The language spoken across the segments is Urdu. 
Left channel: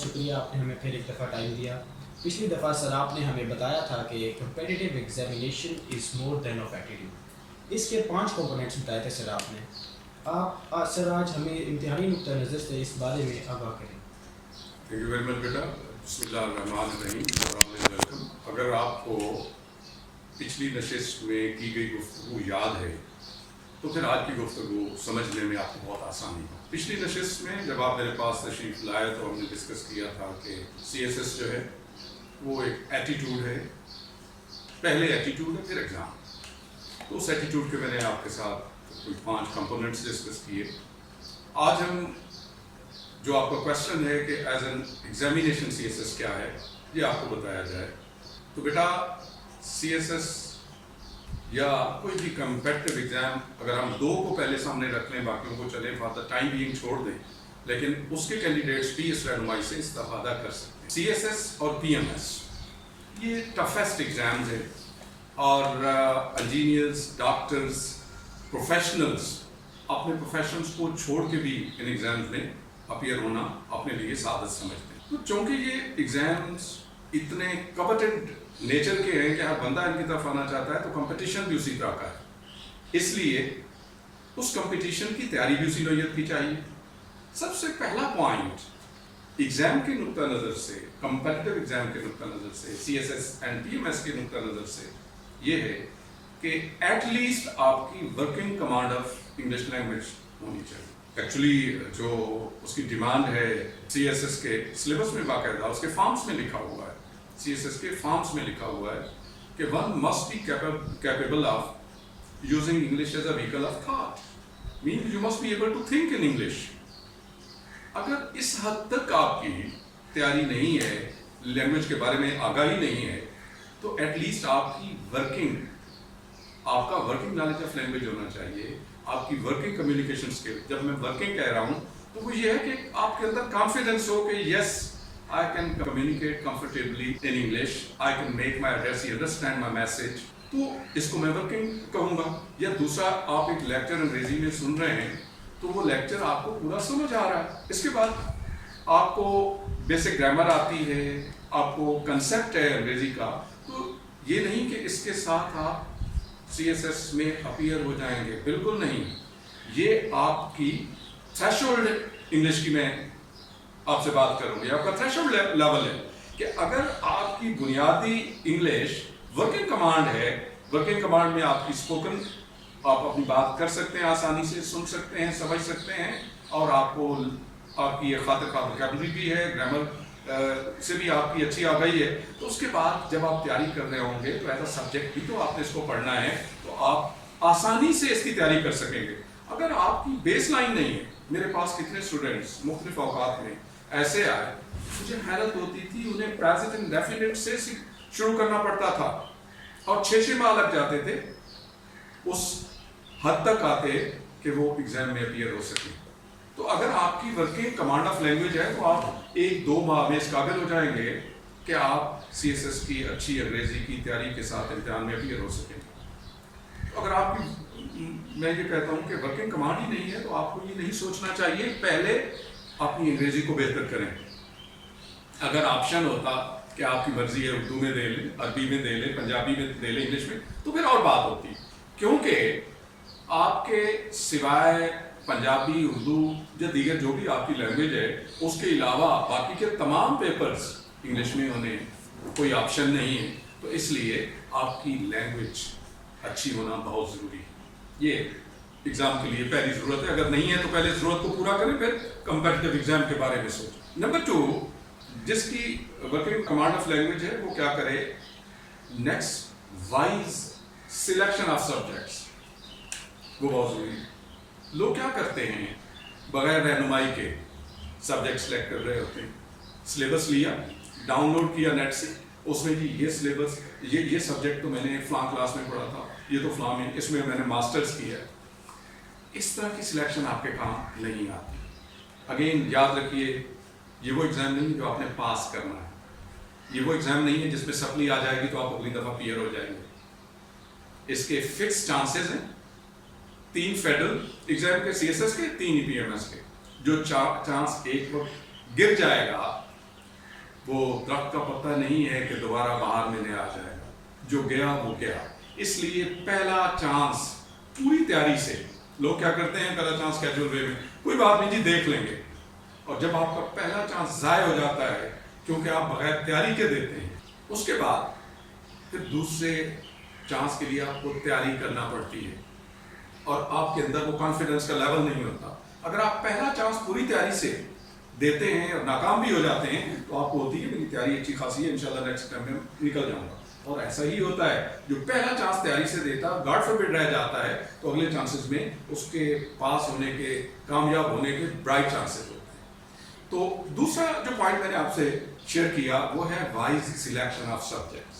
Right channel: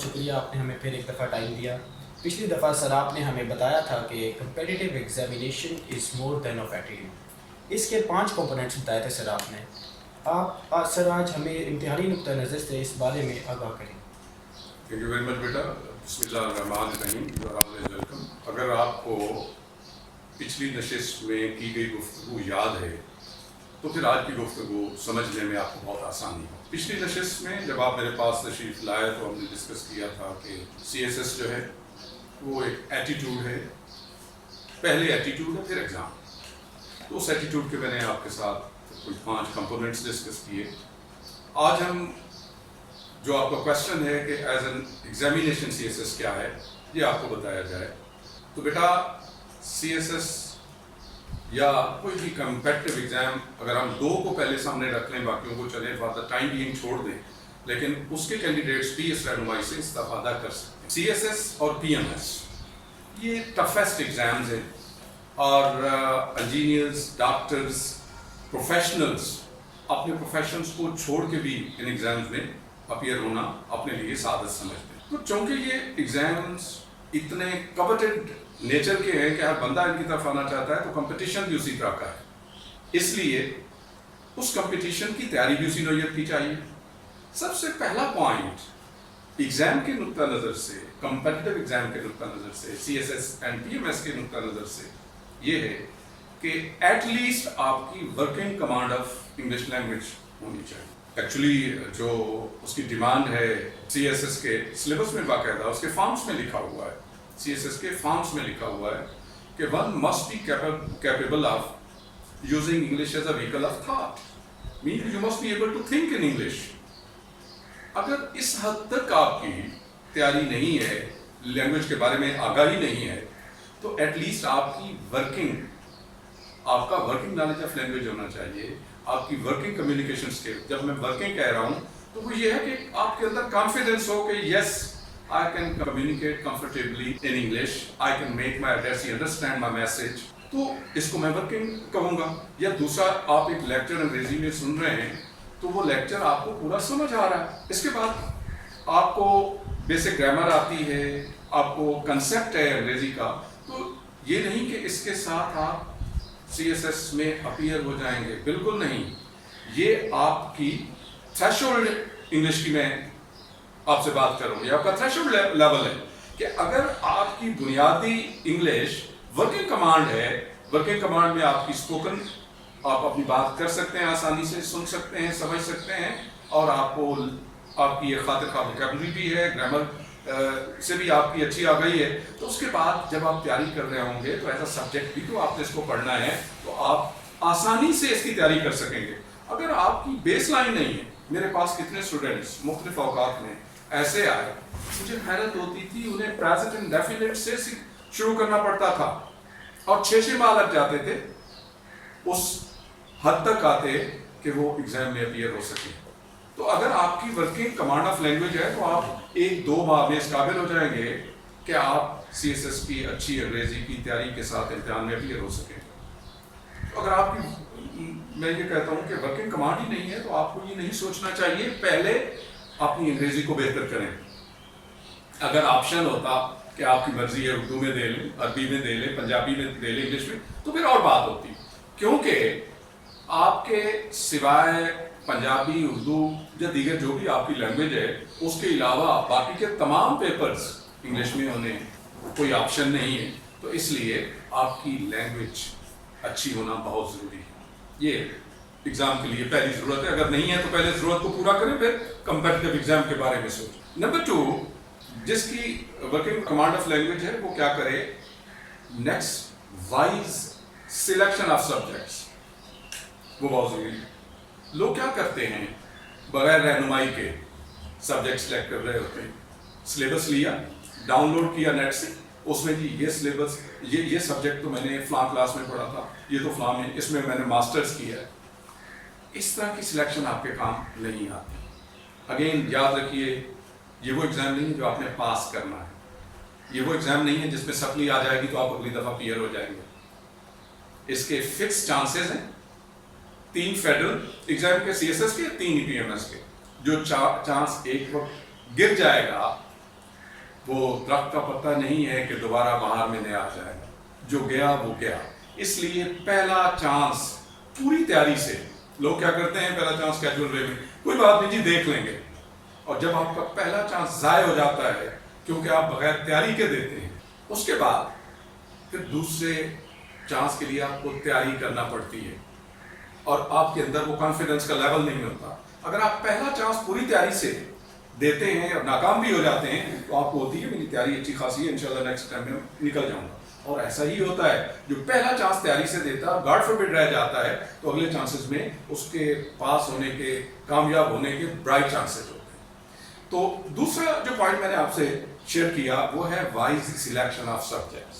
بہت شکریہ، آپ نے ہمیں پھر ایک دفعہ ٹائم دیا۔ پچھلی دفعہ سر آپ نے ہمیں بتایا تھا کہ competitive examination is more than of attitude, اس کے 5 کمپوننٹس بتائے تھے سر آپ نے۔ آپ سر آج ہمیں امتحانی نقطہ نظر سے اس بارے میں آگاہ کریں۔ تھینک یو ویری مچ بیٹا۔ بسم اللہ الرحمن الرحیم۔ ویلکم۔ اگر آپ کو پچھلی نشست میں کی گئی گفتگو یاد ہے تو پھر آج کی گفتگو سمجھنے میں آپ کو بہت آسانی ہو۔ پچھلی نشست میں جب آپ میرے پاس تشریف لائے تو ہم نے ڈسکس کیا تھا کہ سی ایس ایس جو ہے وہ ایک ایٹیٹیوڈ ہے، پہلے ایٹیٹیوڈ ہے پھر ایگزام۔ تو اس ایٹیٹیوڈ کے میں نے آپ کے ساتھ کوئی 5 کمپوننٹس ڈسکس کیے۔ آج ہم جو آپ کا کویشچن ہے کہ as an examination C S S کیا ہے یہ آپ کو بتایا جائے، تو بیٹا سی ایس ایس یا کوئی بھی کمپیٹیو ایگزام اگر ہم 2 کو پہلے سامنے رکھ لیں، باقیوں کو چلیں فار دا ٹائم بینگ چھوڑ دیں، لیکن اس کے کینڈیڈیٹس بھی اس رہنمائی سے استفادہ کر سکتے ہیں۔ سی ایس ایس اور پی ایم ایس یہ ٹفیسٹ ایگزامز ہیں، اور انجینئرز، ڈاکٹرز، پروفیشنلز اپنے پروفیشنز کو چھوڑ کے بھی ان ایگزامز میں اپیئر ہونا اپنے لیے سعادت سمجھتے ہیں۔ تو چونکہ یہ ایگزامز اتنے کوٹڈ نیچر کے ہیں کہ ہر بندہ ان کی طرف آنا چاہتا ہے، تو کمپٹیشن بھی اسی طرح کا ہے، اس لیے اس کمپٹیشن کی تیاری بھی اسی نوعیت کی چاہیے۔ سب سے پہلا پوائنٹ ایگزام کے نقطہ نظر سے، کمپٹیٹیو ایگزام کے نقطہ نظر سے، C S S and P M S کے نقطہ نظر سے یہ ہے کہ ایٹ لیسٹ آپ کی working command of English language ہونی چاہیے۔ ایکچولی جو اس کی ڈیمانڈ ہے سی ایس ایس کے سلیبس میں باقاعدہ اس کے فارمس میں لکھا ہوا ہے، سی ایس ایس کے فارمس میں لکھا ہوا ہے کہ one must be capable of using English as a vehicle of thought, mean you must be able to think in English. اگر اس حد تک آپ کی تیاری نہیں ہے، لینگویج کے بارے میں آگاہی نہیں ہے، تو ایٹ لیسٹ آپ کی آپ کا ورکنگ نالج آف لینگویج ہونا چاہیے، آپ کی ورکنگ کمیونیکیشن اسکل۔ جب میں ورکنگ کہہ رہا ہوں تو وہ یہ ہے کہ آپ کے اندر کانفیڈنس ہو کہ yes I can communicate comfortably in English, I can make my address understand my message, تو اس کو میں ورکنگ کہوں گا۔ یا دوسرا، آپ ایک لیکچر انگریزی میں سن رہے ہیں تو وہ لیکچر آپ کو پورا سمجھ آ رہا ہے، اس کے بعد آپ کو بیسک گرامر آتی ہے، آپ کو کنسیپٹ ہے انگریزی کا، تو یہ نہیں کہ اس کے ساتھ آپ سی ایس ایس میں اپیئر ہو جائیں گے، بالکل نہیں۔ یہ آپ کی تھریشولڈ انگلش کی میں آپ سے بات کروں گی، آپ کا تھریشولڈ لیول ہے کہ اگر آپ کی بنیادی انگلش ورکنگ کمانڈ ہے، ورکنگ کمانڈ میں آپ کی اسپوکن، آپ اپنی بات کر سکتے ہیں، آسانی سے سن سکتے ہیں، سمجھ سکتے ہیں، اور آپ کی یہ خاطر خواہ ووکیبلری بھی ہے، گرامر سے بھی آپ کی اچھی آگاہی ہے، تو اس کے بعد جب آپ تیاری کر رہے ہوں گے تو ایز اے سبجیکٹ بھی تو آپ نے اس کو پڑھنا ہے، تو آپ آسانی سے اس کی تیاری کر سکیں گے۔ اگر آپ کی بیس لائن نہیں ہے، میرے پاس کتنے اسٹوڈنٹس مختلف اوقات میں ایسے آئے، مجھے حیرت ہوتی تھی، انہیں پریزنٹ انڈیفینٹ سے شروع کرنا پڑتا تھا اور 6 ماہ لگ جاتے تھے اس حد تک آتے کہ وہ ایگزام میں اپیئر ہو سکے۔ تو اگر آپ کی ورکنگ کمانڈ آف لینگویج ہے تو آپ 1-2 ماہ میں اس قابل ہو جائیں گے کہ آپ سی ایس ایس کی اچھی انگریزی کی تیاری کے ساتھ امتحان میں اپیئر ہو سکیں۔ اگر آپ کی، میں یہ کہتا ہوں کہ ورکنگ کمانڈ ہی نہیں ہے تو آپ کو یہ نہیں سوچنا چاہیے پہلے اپنی انگریزی کو بہتر کریں۔ اگر آپشن ہوتا کہ آپ کی مرضی ہے اردو میں دے لیں، عربی میں دے لیں، پنجابی میں دے لیں، انگلش میں، تو پھر اور بات ہوتی، کیونکہ آپ کے سوائے پنجابی، اردو یا دیگر جو بھی آپ کی لینگویج ہے، اس کے علاوہ باقی کے تمام پیپرز انگلش میں ہونے کوئی آپشن نہیں ہے، تو اس لیے آپ کی لینگویج اچھی ہونا بہت ضروری ہے۔ یہ ایگزام کے لیے پہلی ضرورت ہے، اگر نہیں ہے تو پہلے ضرورت کو پورا کریں، پھر کمپیٹیٹیو ایگزام کے بارے میں سوچیں۔ نمبر 2، جس کی ورکنگ کمانڈ آف لینگویج ہے وہ کیا کرے، next wise selection of subjects, وہ بہت ضروری ہے۔ لوگ کیا کرتے ہیں، بغیر رہنمائی کے سبجیکٹ سلیکٹ کر رہے ہوتے ہیں، سلیبس لیا، ڈاؤن لوڈ کیا نیٹ سے، اس میں جی یہ سلیبس، یہ سبجیکٹ تو میں نے فلاں کلاس میں پڑھا تھا، یہ تو فلاں میں، اس میں نے ماسٹرز کیا ہے۔ اس طرح کی سلیکشن آپ کے کام نہیں آتی۔ اگین یاد رکھیے، یہ وہ ایگزام نہیں ہے جو آپ نے پاس کرنا ہے، یہ وہ ایگزام نہیں ہے جس میں سپلی آ جائے گی تو آپ اگلی دفعہ پیئر ہو جائیں گے۔ اس کے فکس چانسز ہیں، 3 فیڈرل ایگزام کے سی ایس ایس کے، 3 پی ایم ایس کے۔ جو چانس ایک وقت گر جائے گا وہ درخت کا پتا نہیں ہے کہ دوبارہ بہار میں نیا آ جائے گا، جو گیا وہ گیا. اس لیے پہلا چانس پوری تیاری سے، لوگ کیا کرتے ہیں پہلا چانس کیجول وے میں کوئی بات نہیں جی دیکھ لیں گے، اور جب آپ کا پہلا چانس ضائع ہو جاتا ہے کیونکہ آپ بغیر تیاری کے دیتے ہیں، اس کے بعد پھر دوسرے چانس کے لیے آپ کو تیاری کرنا پڑتی ہے اور آپ کے اندر وہ کانفیڈنس کا لیول نہیں ہوتا. اگر آپ پہلا چانس پوری تیاری سے دیتے ہیں اور ناکام بھی ہو جاتے ہیں تو آپ کو ہوتی ہے میری تیاری اچھی خاصی ہے، انشاءاللہ نیکسٹ ٹائم میں نکل جاؤں گا. اور ایسا ہی ہوتا ہے جو پہلا چانس تیاری سے دیتا ہے گاڈ فوربڈ رہ جاتا ہے تو اگلے چانسز میں اس کے پاس ہونے کے، کامیاب ہونے کے برائٹ چانسز ہوتے ہیں. تو دوسرا جو پوائنٹ میں نے آپ سے شیئر کیا وہ ہے وائز سلیکشن آف سبجیکٹس.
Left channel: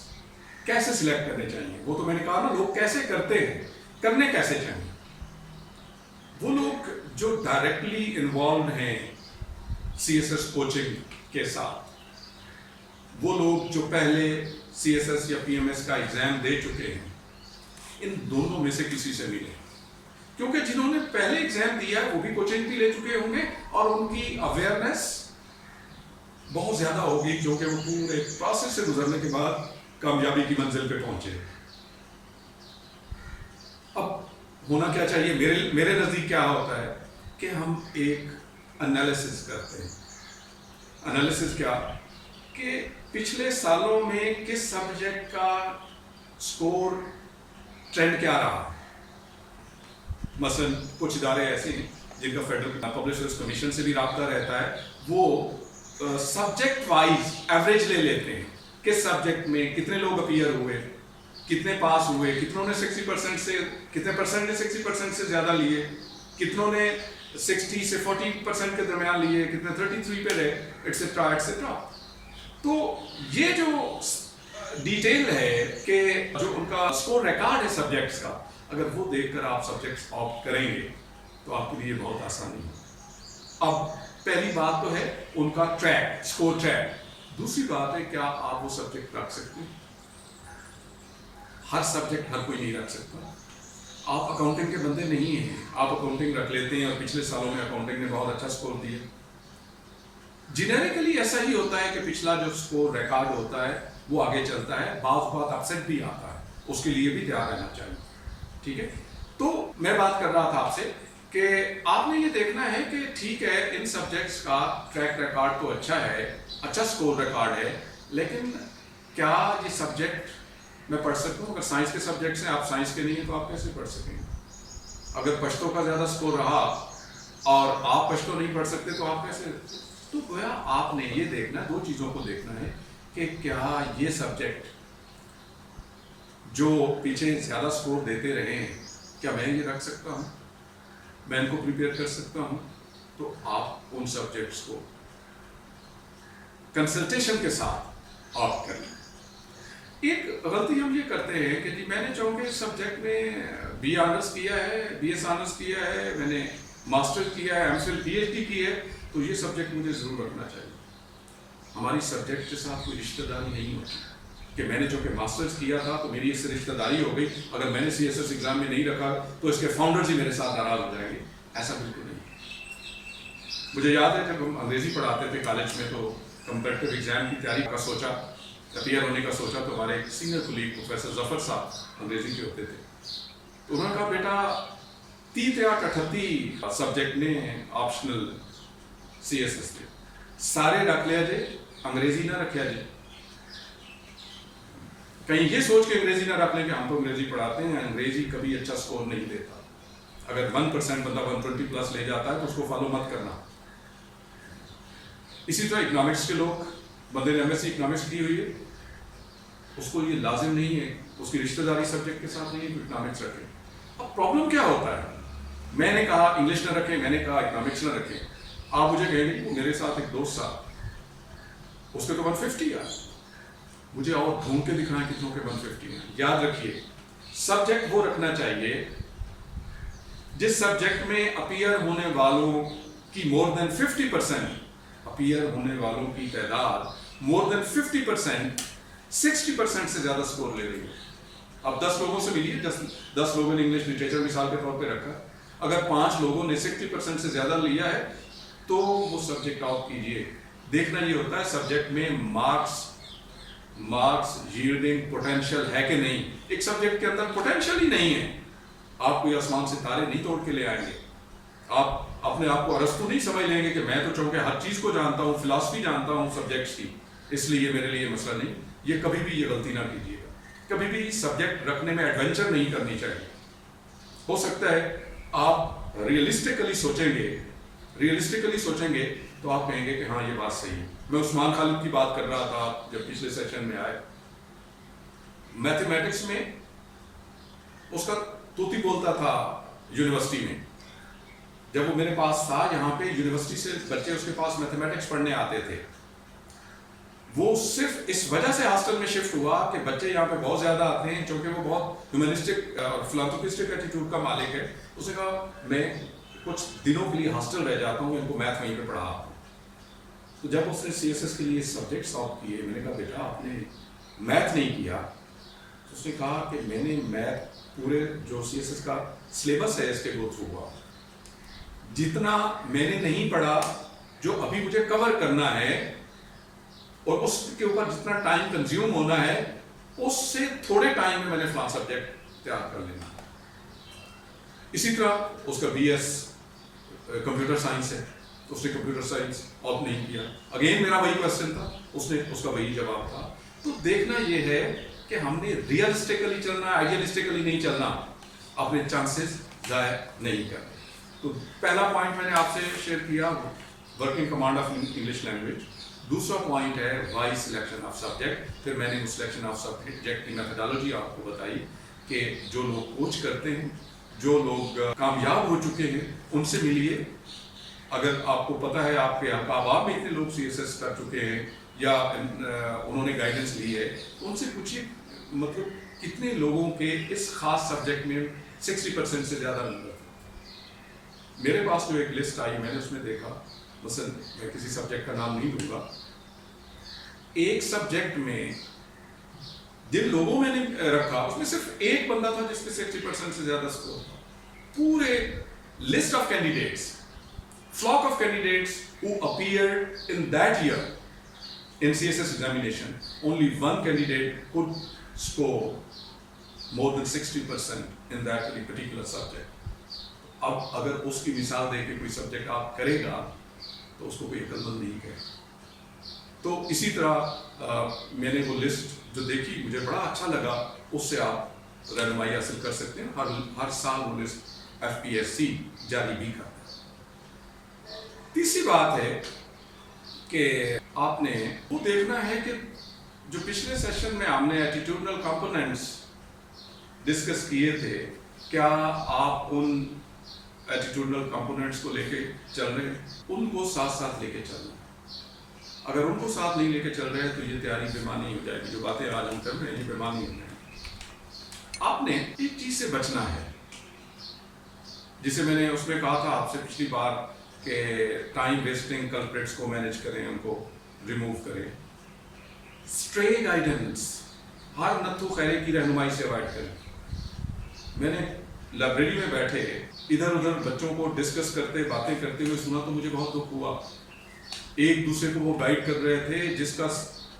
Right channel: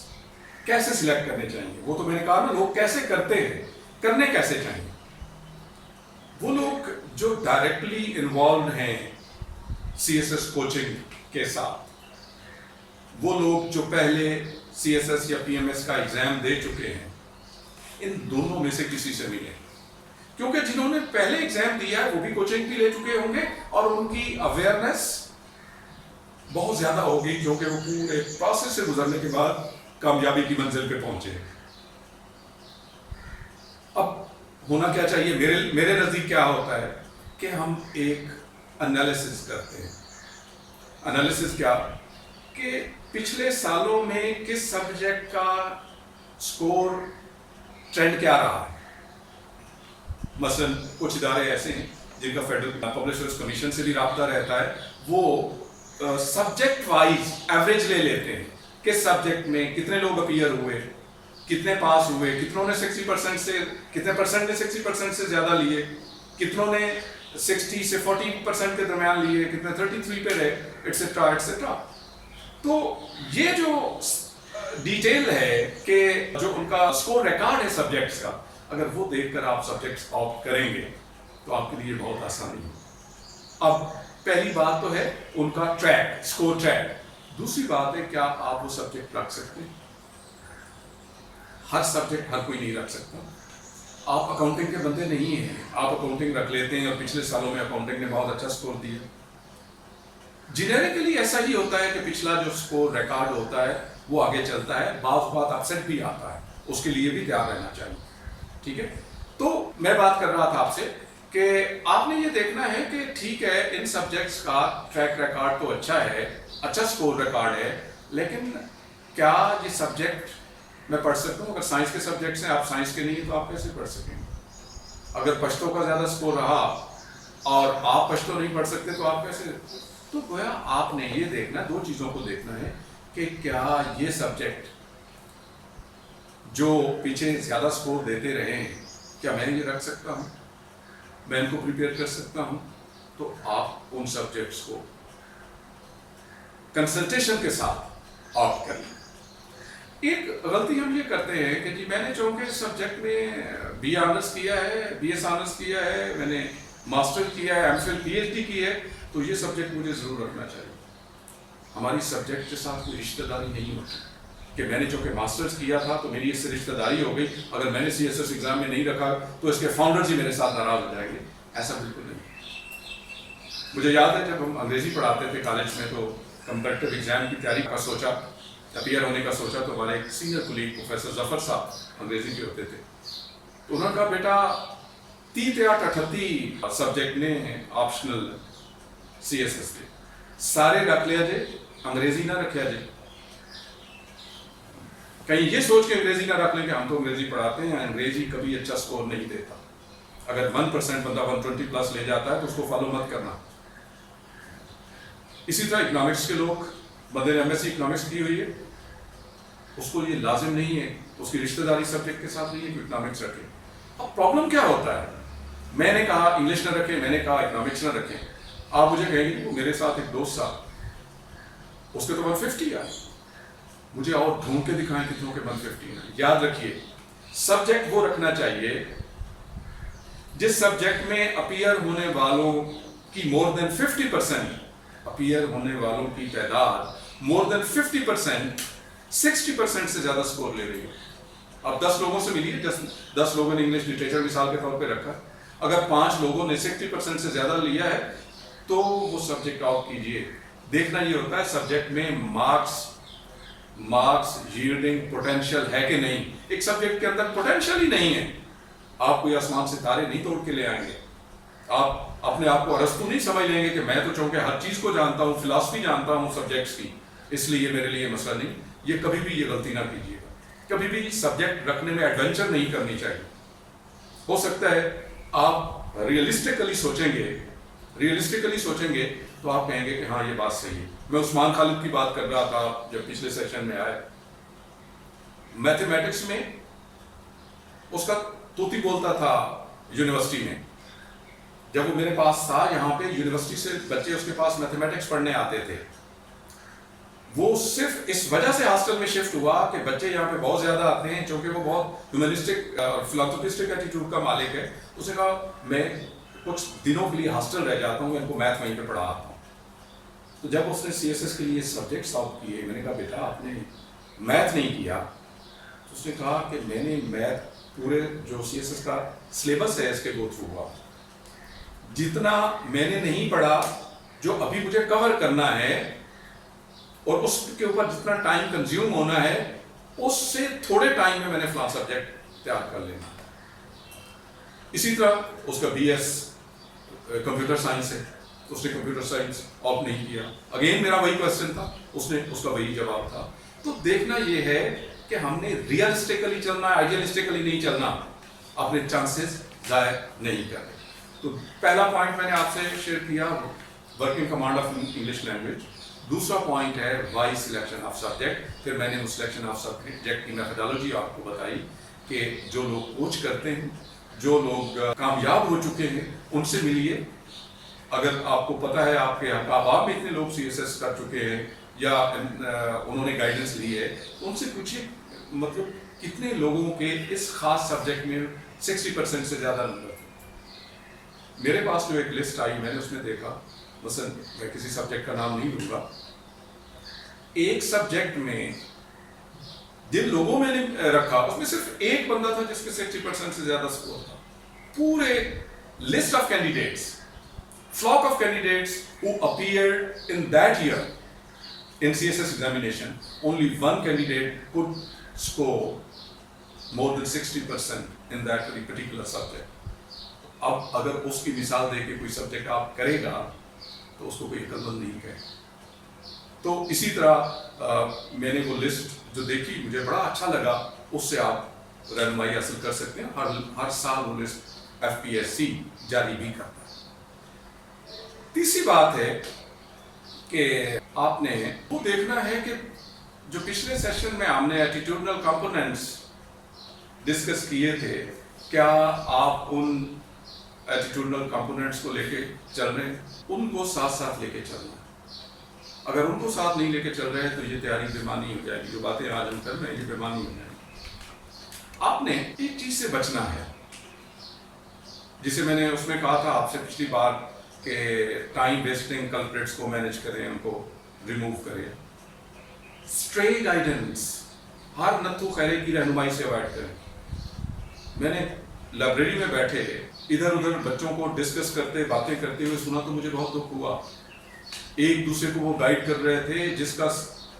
کیسے سلیکٹ کرنے چاہیے؟ وہ تو میں نے کہا نا لوگ کیسے کرتے ہیں، کرنے کیسے چاہیے. وہ لوگ جو ڈائریکٹلی انوالوڈ ہیں سی ایس ایس کوچنگ کے ساتھ، وہ لوگ جو پہلے سی ایس ایس یا پی ایم ایس کا ایگزام دے چکے ہیں، ان دونوں میں سے کسی سے ملیں، کیونکہ جنہوں نے پہلے ایگزام دیا ہے وہ بھی کوچنگ بھی لے چکے ہوں گے اور ان کی اویئرنیس بہت زیادہ ہوگی کیونکہ وہ پورے پروسیس سے گزرنے کے بعد کامیابی کی منزل پہ پہنچے. اب ہونا کیا چاہیے؟ میرے نزدیک کیا ہوتا ہے کہ ہم ایک انالیسس کرتے ہیں. انالیسس کیا کہ پچھلے سالوں میں کس سبجیکٹ کا سکور ٹرینڈ کیا رہا ہے. مثلا کچھ ادارے ایسے ہیں جن کا فیڈرل پبلشرز کمیشن سے بھی رابطہ رہتا ہے، وہ سبجیکٹ وائز ایوریج لے لیتے ہیں. کس سبجیکٹ میں کتنے لوگ اپیئر ہوئے، کتنے پاس ہوئے، کتنوں نے 60% سے، کتنے پرسنٹ نے 60% سے زیادہ لیے، کتنوں نے 60 سے 40% کے درمیان لیے، کتنے 33 پہ رہے، ایٹسٹرا ایٹسٹرا. تو یہ جو ڈیٹیل ہے کہ جو ان کا اسکور ریکارڈ ہے سبجیکٹس کا، اگر وہ دیکھ کر آپ سبجیکٹس آپٹ کریں گے تو آپ کے لیے بہت آسانی ہو. اب پہلی بات تو ہے ان کا ٹریک، اسکور ٹریک. دوسری بات ہے کیا آپ وہ سبجیکٹ رکھ سکتے ہیں؟ ہر سبجیکٹ ہر کوئی نہیں رکھ سکتا. آپ اکاؤنٹنگ کے بندے نہیں ہیں، آپ اکاؤنٹنگ رکھ لیتے ہیں اور پچھلے سالوں میں اکاؤنٹنگ نے بہت اچھا سکور دیا. جنریکلی ایسا ہی ہوتا ہے کہ پچھلا جو سکور ریکارڈ ہوتا ہے وہ آگے چلتا ہے، بعض اوقات اپسیٹ بھی آتا ہے، اس کے لیے بھی تیار رہنا چاہیے. ٹھیک ہے، تو میں بات کر رہا تھا آپ سے کہ آپ نے یہ دیکھنا ہے کہ ٹھیک ہے ان سبجیکٹس کا ٹریک ریکارڈ تو اچھا ہے، اچھا سکور ریکارڈ ہے، لیکن کیا یہ سبجیکٹ میں پڑھ سکتا ہوں؟ اگر سائنس کے سبجیکٹس ہیں، آپ سائنس کے نہیں ہیں تو آپ کیسے پڑھ سکیں گے؟ اگر پشتو کا زیادہ سکور رہا اور آپ پشتو نہیں پڑھ سکتے تو آپ کیسے؟ تو گویا آپ نے یہ دیکھنا، دو چیزوں کو دیکھنا ہے کہ کیا یہ سبجیکٹ جو پیچھے زیادہ سکور دیتے رہے ہیں کیا میں یہ رکھ سکتا ہوں، میں ان کو پریپیئر کر سکتا ہوں. تو آپ ان سبجیکٹس کو کنسلٹیشن کے ساتھ آپٹ کر لیں. ایک غلطی ہم یہ کرتے ہیں کہ جی میں نے چونکہ سبجیکٹ میں بی آنرس کیا ہے، بی ایس آنرس کیا ہے، میں نے ماسٹر کیا ہے، M Phil P H D کی ہے، تو یہ سبجیکٹ مجھے ضرور رکھنا چاہیے. ہماری سبجیکٹ کے ساتھ کوئی رشتہ داری نہیں ہوتی کہ میں نے چونکہ ماسٹرز کیا تھا تو میری اس سے رشتہ داری ہو گئی، اگر میں نے سی ایس ایس ایگزام میں نہیں رکھا تو اس کے فاؤنڈرز ہی میرے ساتھ ناراض ہو جائیں گے. ایسا بالکل نہیں. مجھے یاد ہے جب ہم انگریزی پڑھاتے تھے کالج میں تو کمپیٹیٹو ایگزام کی تیاری کا سوچا، اپیئر ہونے کا سوچا، تو ہمارے ایک سینئر کولیگ پروفیسر ظفر صاحب انگریزی کے ہوتے تھے، تو انہوں نے کہا بیٹا 30 یا 38 سبجیکٹ نے آپشنل سی ایس ایس کے سارے رکھ لیا جائے، انگریزی نہ رکھا جائے. کہیں یہ سوچ کے انگریزی نہ رکھ لیں کہ ہم تو انگریزی پڑھاتے ہیں، انگریزی کبھی اچھا سکور نہیں دیتا. اگر 1% بندہ 120 پلس لے جاتا ہے تو اس کو فالو مت کرنا. اسی طرح اکنامکس کے لوگ، بندے نے ایم ایس سی اکنامکس کی ہوئی ہے، اس کو یہ لازم نہیں ہے، اس کی رشتہ داری سبجیکٹ کے ساتھ نہیں ہے کہ اکنامکس رکھے. اب پرابلم کیا ہوتا ہے؟ میں نے کہا انگلش نہ رکھیں، میں نے کہا اکنامکس نہ رکھیں. آپ مجھے کہیں گے وہ میرے ساتھ ایک دوست تھا، اس کے تو 150 آئے، مجھے اور ڈھونڈ کے دکھائیں کتنوں کے 150 ہیں. یاد رکھیے سبجیکٹ وہ رکھنا چاہیے جس سبجیکٹ میں اپیئر ہونے والوں کی مور دین 50%، اپیئر ہونے والوں کی تعداد مور دین 50%، 60% سے زیادہ سکور لے رہی ہے. اب 10 لوگوں سے ملیے، 10 لوگوں نے انگلش لٹریچر مثال کے طور پہ رکھا، اگر 5 لوگوں نے 60% سے زیادہ لیا ہے تو وہ سبجیکٹ آؤٹ کیجئے. دیکھنا یہ ہوتا ہے سبجیکٹ میں مارکس ییلڈنگ پوٹینشیل ہے کہ نہیں. ایک سبجیکٹ کے اندر پوٹینشیل ہی نہیں ہے, آپ کوئی آسمان سے تارے نہیں توڑ کے لے آئیں گے. آپ اپنے آپ کو ارسطو نہیں سمجھ لیں گے کہ میں تو چونکہ ہر چیز کو جانتا ہوں, فلاسفی جانتا ہوں سبجیکٹس کی, اس لیے یہ میرے لیے مسئلہ نہیں. یہ کبھی بھی یہ غلطی نہ کیجیے گا. کبھی بھی سبجیکٹ رکھنے میں ایڈونچر نہیں کرنی چاہیے. ہو سکتا ہے آپ ریئلسٹکلی سوچیں گے تو آپ کہیں گے کہ ہاں یہ بات صحیح ہے. میں عثمان خالد کی بات کر رہا تھا جب پچھلے سیشن میں آئے. میتھمیٹکس میں اس کا طوطی بولتا تھا یونیورسٹی میں. جب وہ میرے پاس تھا یہاں پہ یونیورسٹی سے بچے اس کے پاس میتھمیٹکس پڑھنے آتے تھے. وہ صرف اس وجہ سے ہاسٹل میں شفٹ ہوا کہ بچے یہاں پہ بہت زیادہ آتے ہیں, چونکہ وہ بہت ہیومنسٹک اور فلانتھروپسٹک ایٹیٹیوڈ کا مالک ہے. اس نے کہا میں کچھ دنوں کے لیے ہاسٹل رہ جاتا ہوں, ان کو میتھ وہیں پہ پڑھا آتا ہوں. تو جب اس نے سی ایس ایس کے لیے سبجیکٹ سالو کیے, میں نے کہا بیٹا آپ نے میتھ نہیں کیا. تو اس نے کہا کہ میں نے میتھ پورے جو سی ایس ایس کا سلیبس ہے اس کے گو تھرو ہوا. جتنا میں نے نہیں پڑھا, جو ابھی مجھے کور کرنا ہے اور اس کے اوپر جتنا ٹائم کنزیوم ہونا ہے, اس سے تھوڑے ٹائم میں نے فلاں سبجیکٹ تیار کر لینا. اسی طرح اس کا بی ایس کمپیوٹر سائنس ہے, اس نے کمپیوٹر سائنس آپٹ نہیں کیا. اگین میرا وہی کوشچن تھا, اس کا وہی جواب تھا. تو دیکھنا یہ ہے کہ ہم نے ریئلسٹکلی چلنا ہے, آئیڈیلسٹکلی نہیں چلنا, اپنے چانسز ضائع نہیں کرنے. تو پہلا پوائنٹ میں نے آپ سے شیئر کیا, working command of English language. دوسرا پوائنٹ ہے وائی سلیکشن آف سبجیکٹ. پھر میں نے اس سلیکشن آف سبجیکٹ کی میتھڈالوجی آپ کو بتائی کہ جو لوگ کوچ کرتے ہیں, جو لوگ کامیاب ہو چکے ہیں, ان سے ملیے. اگر آپ کو پتہ ہے آپ کے احباب میں اتنے لوگ سی ایس ایس کر چکے ہیں یا انہوں نے گائیڈنس لی ہے, ان سے پوچھیے مطلب کتنے لوگوں کے اس خاص سبجیکٹ میں 60% سے زیادہ نمبر. میرے پاس جو ایک لسٹ آئی, میں نے اس میں دیکھا, مثلا میں کسی سبجیکٹ کا نام نہیں لوں گا, ایک سبجیکٹ میں جن لوگوں میں نے رکھا اس میں صرف ایک بندہ تھا جس کے 60% سے زیادہ سکور تھا. پورے list of candidates, flock of candidates who appeared in that year in CSS examination, only one candidate could score more than 60% in that very particular subject. اب اگر اس کی مثال دے کے کوئی سبجیکٹ آپ کرے گا تو اس کو کوئی عقل مند نہیں کہے. تو اسی طرح میں نے وہ لسٹ جو دیکھی مجھے بڑا اچھا لگا, اس سے آپ رہنمائی حاصل کر سکتے ہیں. ہر سال وہ لسٹ FPSC جاری بھی کرتا ہے. تیسری بات ہے کہ آپ نے وہ دیکھنا ہے کہ جو پچھلے سیشن میں ہم نے ایٹیٹیوڈنل کمپوننٹس ڈسکس کیے تھے, کیا آپ ان ایٹیٹیوڈنل کمپوننٹس کو لے کے چل رہے ہیں؟ ان کو ساتھ ساتھ لے کے چلنا ہے. اگر ان کو ساتھ نہیں لے کے چل رہے ہیں تو یہ تیاری بےمانی ہو جائے گی. جو باتیں آج ہم کر رہے ہیں یہ بےمانی ہو جائے گی. آپ نے ایک چیز سے بچنا ہے جسے میں نے اس میں کہا تھا آپ سے پچھلی بار کہ ٹائم ویسٹنگ کلپریٹس کو مینیج کریں, ان کو ریموو کریں. اسٹرے گائیڈنس, ہر نتھو خیرے کی رہنمائی سے اوائڈ کریں. میں نے لائبریری میں بیٹھے ادھر ادھر بچوں کو ڈسکس کرتے باتیں کرتے ہوئے سنا تو مجھے بہت دکھ ہوا. ایک دوسرے کو وہ گائیڈ کر رہے تھے جس کا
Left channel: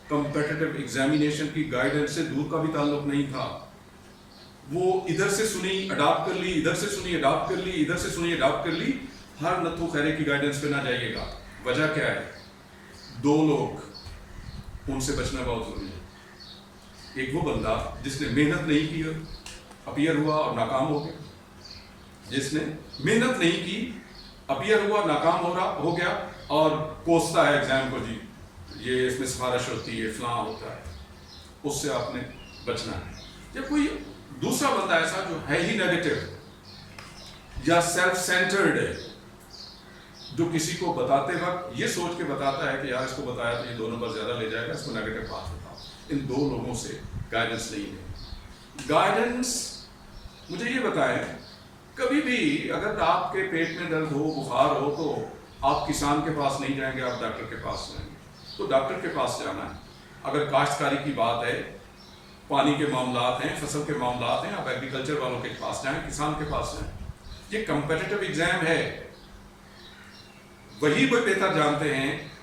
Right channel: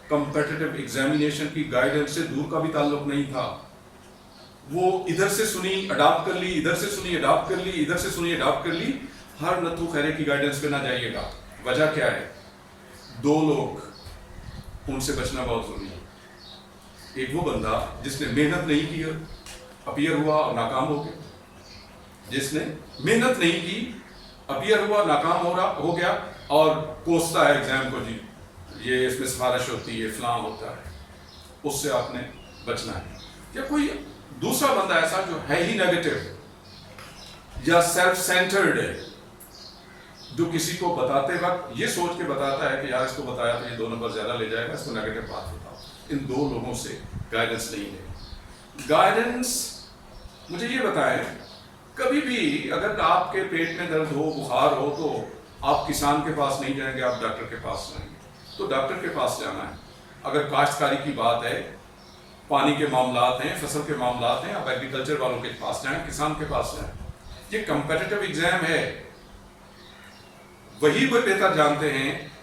کمپیٹیٹو ایگزامینیشن کی گائیڈنس سے دور کا بھی تعلق نہیں تھا. وہ ادھر سے سنی اڈاپٹ کر لی, ادھر سے سنی اڈاپٹ کر لی, ادھر سے سنی اڈاپٹ کر لی. ہر نتھو خیرے کی گائیڈنس پہ نہ جائیے گا. وجہ کیا ہے؟ دو لوگ, ان سے بچنا بہت ضروری ہے. ایک وہ بندہ جس نے محنت نہیں کی, اپیئر ہوا اور ناکام ہو گیا. جس نے محنت نہیں کی, اپیئر ہوا, ناکام ہو گیا اور کوستا ہے ایگزام کو, جی یہ اس میں سفارش ہوتی ہے, فلاں ہوتا ہے. اس سے آپ نے بچنا ہے. یا کوئی دوسرا بندہ ایسا جو ہے ہی نیگیٹو یا سیلف سینٹرڈ ہے, جو کسی کو بتاتے وقت یہ سوچ کے بتاتا ہے کہ یار اس کو بتایا تو یہ 2 نمبر زیادہ لے جائے گا, اس کو نیگیٹو بات بتاؤ. ان دو لوگوں سے گائیڈنس نہیں لے. گائیڈنس مجھے یہ بتائیں, کبھی بھی اگر آپ کے پیٹ میں درد ہو, بخار ہو, تو آپ کسان کے پاس نہیں جائیں گے, آپ ڈاکٹر کے پاس جائیں گے. تو ڈاکٹر کے پاس جانا ہے. اگر کاشتکاری کی بات ہے, پانی کے معاملات ہیں, فصل کے معاملات ہیں, آپ ایگریکلچر والوں کے پاس جائیں, کسان کے پاس جائیں. یہ کمپیٹیٹو ایگزام ہے. وہی بہتر جانتے ہیں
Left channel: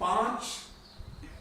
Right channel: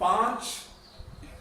5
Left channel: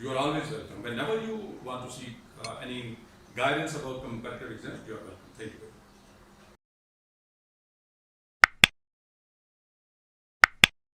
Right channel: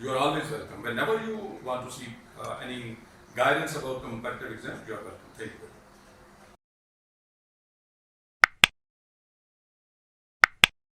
You are always welcome. Whenever you want to seek any guidance about comparative exam, you are welcome. Thank you very much.